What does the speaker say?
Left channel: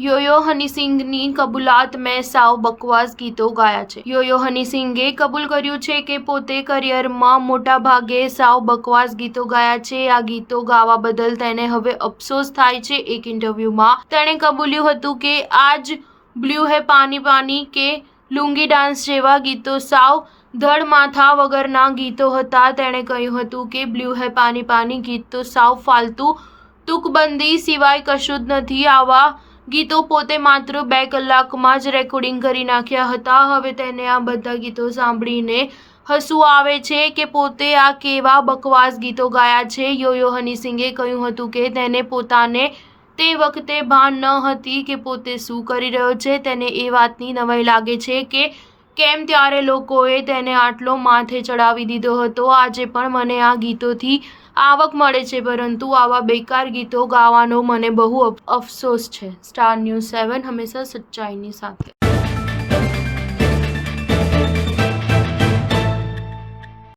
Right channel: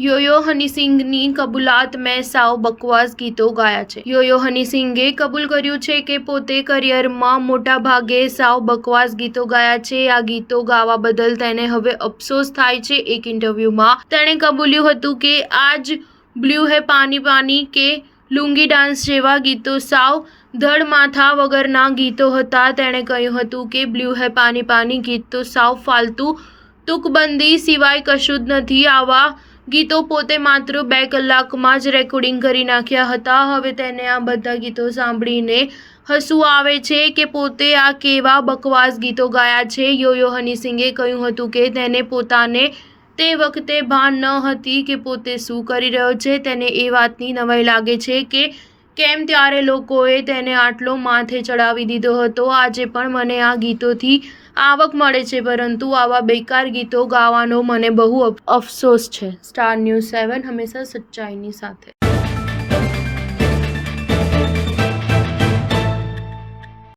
Yoyo હની સિંઘની કબૂલાત મેં સાવ બકવાસ ગીતો ગાયા છે। યોયો હની સિંઘે કબૂલ કર્યું છે કે પોતે કરિયરમાં મોટાભાગે સાવ બકવાસ ગીતો ગાયા છે। આ ગીતો ગાવા બદલ તેને હવે અફસોસ થાય છે। એક ઇન્ટરવ્યુમાં તેણે કબૂલ્યું હતું કે આજ બ્લુ હે પાની પાની કે લુંગી ડાન્સ જેવા ગીતો સાવ ધડ માથા વગરના ગીતો હતા। તેણે કહ્યું હતું કે બ્લુ હે પાની પાની ગીત તો સાવ ફાલતુ તુકબંધી સિવાય કશું જ નથી। આવા ગીતો પોતે માત્ર 2 કલાકમાં જ રેકોર્ડિંગ કરી નાખ્યા હતા। હવે તેને આ બધા ગીતો સાંભળીને હસવું આવે છે કે પોતે આ કેવા બકવાસ ગીતો ગાયા છે। યોયો હની સિંઘે કહ્યું હતું કે તેને પોતાને તે વખતે ભાન ન હતી કે પોતે શું કરી રહ્યો છે। તેને એ વાતની નવાઈ લાગે છે કે કેમ ત્યારે લોકોએ તેને આટલો માથે ચડાવી દીધો હતો। આજે પણ મને આ ગીતોથી આવક મળે છે, પરંતુ આવા બેકાર ગીતો ગાવાનો મને બહુ અફસોસ છે। સ્ટાર ન્યૂઝ 7 હંમેશા સચ્ચાઈની સાથે।